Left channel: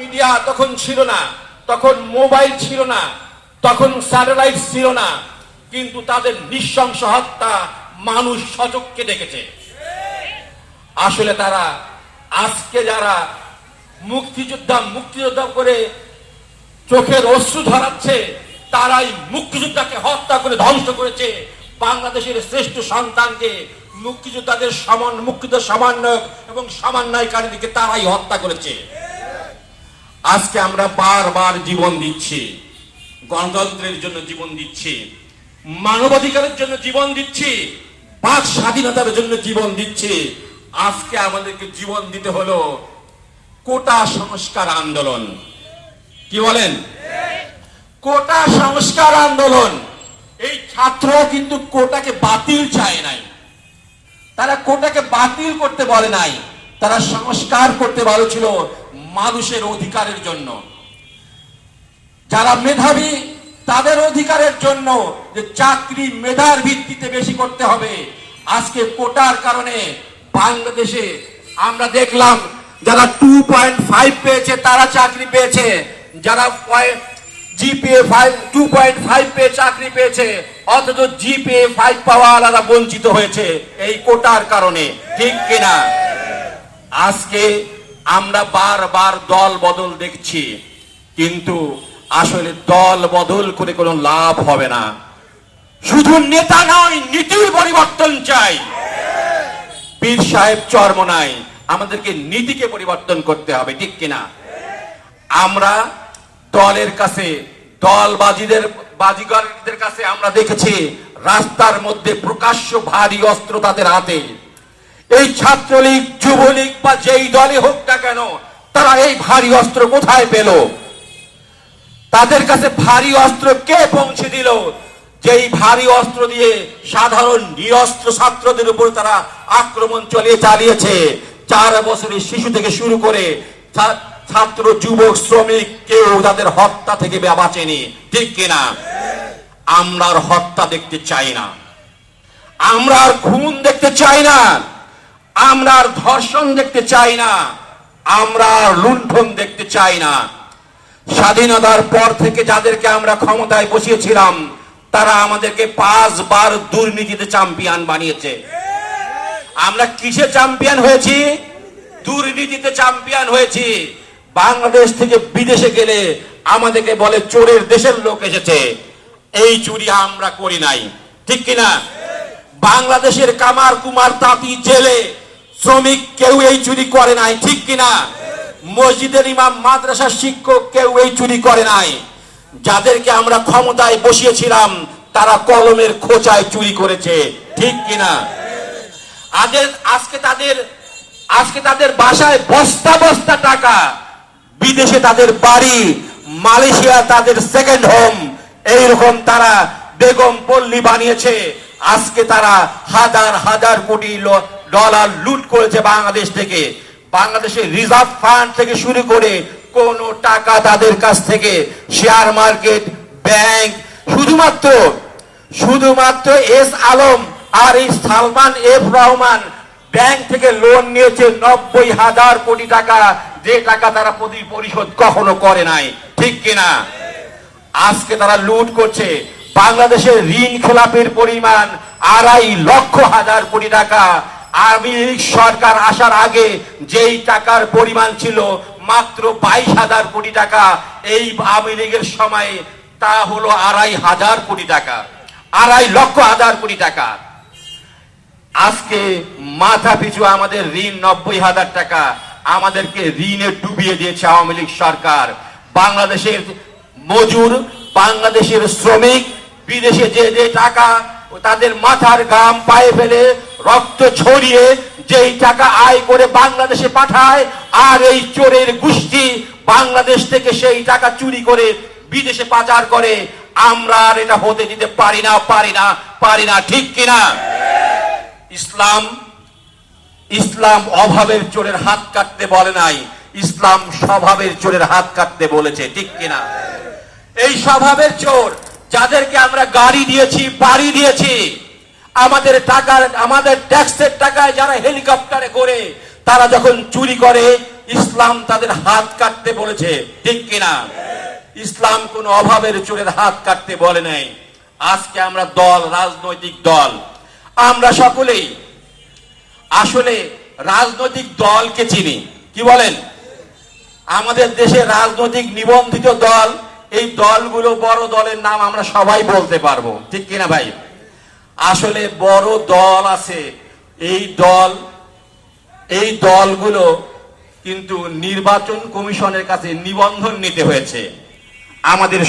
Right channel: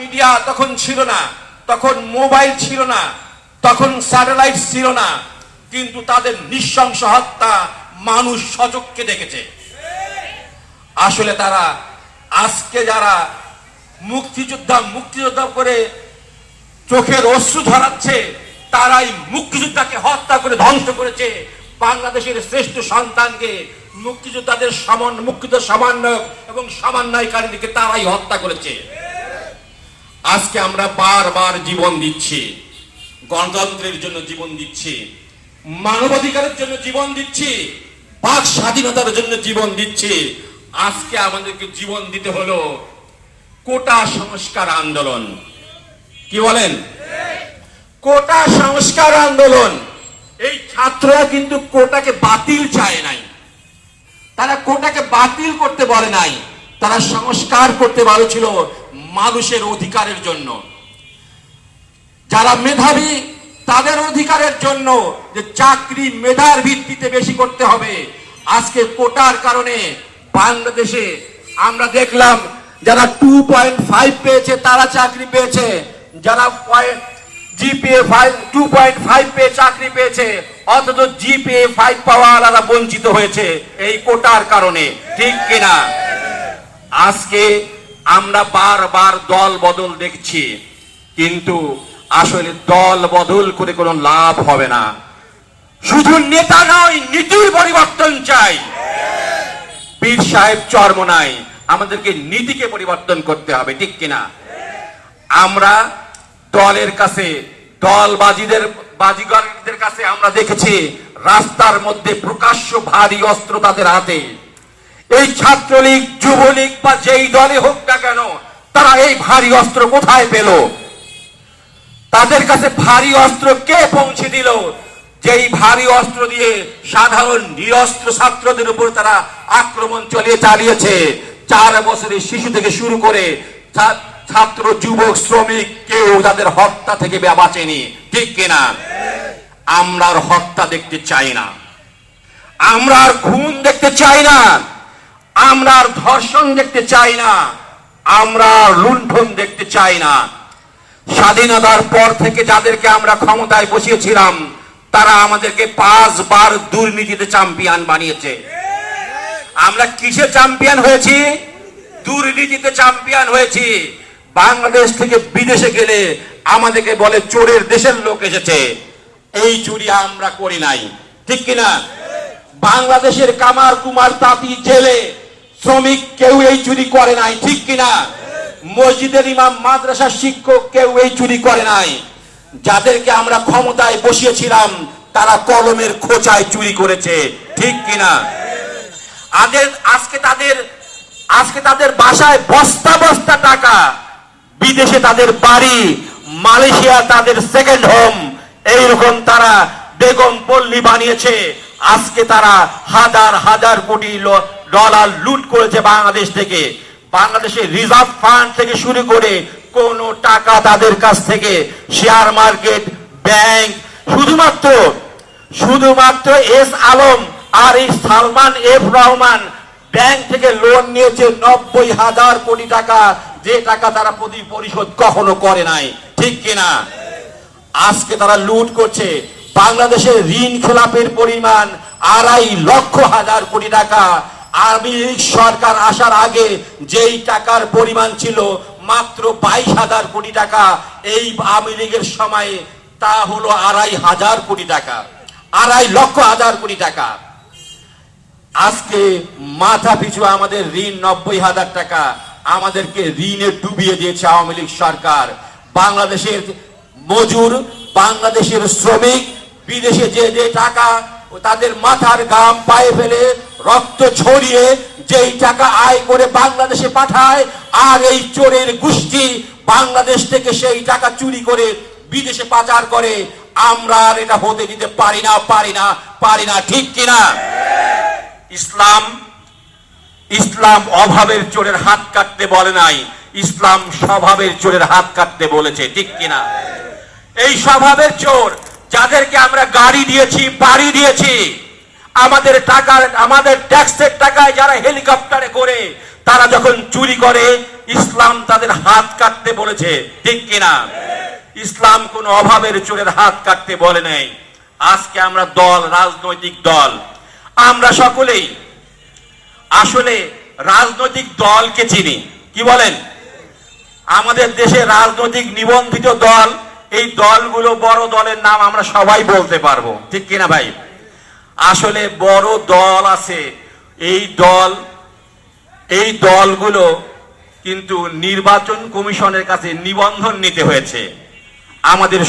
Media তখন ছিল না, তখন মোবাইল ছিল না, তখন স্যাটেলাইট ছিল না, কিন্তু তাদের নৃশংস হত্যা মানুষ সচককে দেখেছে আসলে তারা আজকে যারা মুক্তিযোদ্ধা মুক্তিযোদ্ধা করে চোখের অশ্রু ধরাচ্ছে, তারাই মুক্তিযোদ্ধাকে হত্যা করে ধ্বংস করেছে। বাংলাদেশের শ্রেষ্ঠ সন্তানকে মুক্তিযোদ্ধাদের সামান্য মুক্তিযোদ্ধার সমন্বয়ক এবং সমন্বয়কারীদেরকে তারাই হত্যা করেছে। আজকে আমরা বারবার জীবন দিচ্ছি। গণতন্ত্রের জন্য জীবন দিচ্ছি। মানবাধিকারের জন্য জীবন দিচ্ছি। বাক স্বাধীনতার জন্য জীবন দিচ্ছি। আজকে আমাদেরকে জীবন দিতে হলো কোটা সংস্কার আন্দোলন। কি বলেন? কোটা সংস্কার আন্দোলন। এই ছাত্র কিন্তু কোটাকে বাতিল চায় নাই। তারা কোটাকে বাতিল করতে বলে নাই। তারা সংস্কার করতে বলেছিল। মানুষের অধিকারের জন্য। যারা মেধাবী, তাদের অধিকারের জন্য যে চাকরি মেধার ভিত্তিতে বেশি করতে হবে, আজকে কোটার কারণে বাংলাদেশে আমরা দেখলাম যারা টু পয়েন্ট ফাইভ পেয়েছে, তারা চাকরি পেয়েছে। যারা GPA five two point five পেয়ে চাকরি পেয়েছে, অথচ জিপিএ ফাইভ পাওয়াওয়ালারা বঞ্চিত হয়েছে এই কোটার কারণে। ঠিক কিনা? আজকে আমরা বারবার দল বদল দেখছি, কিন্তু আসলে দল বদল করে কোনো লাভ হবে না। শুধু নেতা নয়, নীতির পরিবর্তন চাই। পীর সাহেব চর্ম নাই আমাদেরকে নীতিকে পরিবর্তন করতে হবে, ঠিক কিনা? আমরা দলের কাছে, দলবাজিদের বাজিগরদের কাছে আমরা দেখেছি, রাস্তার মধ্যে প্রকাশ্য ভারী অস্ত্র তাদের হাতে। এই ছাত্রলীগ, যুবলীগ বা যেই দলে হোক না কেন, তারা এই ভারী অস্ত্র কোথায় পেল? তাদের কাছে ভারী অস্ত্র কে পৌঁছে দিল? যেই ভারী অস্ত্র দিয়ে সাধারণ নিরস্ত্র ছাত্রদের উপর তারা আক্রমণ চলিয়ে চালিয়েছে। চার বছরের শিশু থেকে শুরু করে ছাত্র, যুবক, শ্রমিক, কেউ তাদের হত্যা থেকে বাঁচেনি। ঠিক কিনা আমরা আর হত্যা দেখতে চাই না। আমরা আর খুন দেখতে চাই না। আমরা ধর্ষণ দেখতে চাই না, আমরা লুণ্ঠন দেখতে চাই না। স্বাধীনতার পর থেকে যাদেরকে আমরা ক্ষমতায় বসিয়েছিলাম, তারা আমাদেরকে পাঁচবার দুর্নীতিতে চ্যাম্পিয়ন বানিয়েছে। আমরা কিসে চ্যাম্পিয়ন হয়েছি? দুর্নীতিতে চ্যাম্পিয়ন হয়েছি। বাংলাদেশ থেকে বিদেশে গেলে আমাদেরকে বলে চোরের দেশের লোক এসেছে। এই চুরি আমরা করি নাই। ঠিক কিনা? বাংলাদেশের কামার কুমার তাঁতি জেলে শ্রমিক কেউ এই চুরি করে নাই, ঠিক কিনা? মসজিদের ইমাম, মাদ্রাসার শিক্ষক কেউ এই চুরি করে নাই। যাদেরকে আমরা ক্ষমতায় বসিয়েছিলাম, তারা কলমের খোঁচায় চুরি করেছে, ঠিক কিনা? আদের আজকে তাদের আজকে তাদের বাসায় বস্তা বস্তা টাকা। বিদেশে তাদের বাড়ি, মালয়েশিয়া তাদের সেকেন্ড হোম এইরকম তারা বেগম পল্লী বানিয়েছে। আজকে তারা হাজার হাজার কোটি ডলার লুট করেছে বাংলাদেশ থেকে। বাংলাদেশের রিজার্ভ ফান্ড থেকে শুরু করে কোন টাকা তাদের কাছ থেকে শেয়ার মার্কেট, ব্যাংক, শুধুমাত্র শুধুমাত্র এস আলম আর এই সালমান এফ রহমান ব্যাংক থেকে লোন নিয়েছে নব্বই হাজার কোটি টাকা। যে টাকা তারা প্রতি পরিশোধ কখনো করে নাই। ঠিক কিনা? আজকে তারা লুট করছে বাংলাদেশের ঋণ খেলাপের পরিমাণ আড়াই লক্ষ হাজার কোটি টাকা। আওয়ামী সরকার আসার আগে যেই টাকার পরিমাণ ছিল মাত্র বাইশ হাজার কোটি টাকা, এই আওয়ামী লীগের সময়ে তা হলো আড়াই হাজার কোটি টাকা, আড়াই লক্ষ হাজার কোটি টাকা। আজকে মাথা পিছু আমাদের ঋণ নব্বই হাজার টাকা, আমাদেরকে ঋণে ডুবিয়ে দিয়েছে আওয়ামী লীগ সরকার। বাংলাদেশের মজুর, বাংলাদেশের শ্রমিক, বিদেশে যে যে টাকা তাদের মাথার গাম পায়ে ফেলে রক্ত ছড়িয়ে যেই টাকা আয় করে বাংলাদেশে পাঠায়, আর এই চোরের গোষ্ঠী বাংলাদেশ থেকে সেই টাকা চুরি করে বিদেশে পাচার করে, আমরা আর এটা হতে দিতে পারি না পারি না পারি না, ঠিক কিনা? ইসলাম ইসলাম অভাবের চোরের হাত কাটতে বলে নাই, ইসলাম স্বভাবের চোরের হাত কাটতে বলেছে, ঠিক কিনা? এই স্বভাবের চোর, যাদেরকে আমরা গাড়ি দিয়েছি, বাড়ি দিয়েছি আমাদের টাকার, আমাদের ট্যাক্সের টাকায় যারা হেলিকপ্টারে করে, তারা যখন চুরি করে, ইসলাম তাদের হাত কাটতে বলেছে। ঠিক কিনা? ইসলাম কোন অভাবের চোরের হাত কাটতে বলে নাই। আজকে আমরা দল, রাজনৈতিক দল। আমরা সকলেই আসলে রাজনৈতিক দলকে চিনি। কি বলেন? আমাদের দেশে রাজনৈতিক নিবন্ধিত দল, এই দলগুলো বড় দলের নাম আমরা সবাই বলতে পারব। ঠিক কিনা ভাই? আসলে বড় দল আছে। এই দল, এই দলগুলো কিন্তু নির্বাচন কমিশনের কাছে নিবন্ধন নিতে হয়েছে। আমাদের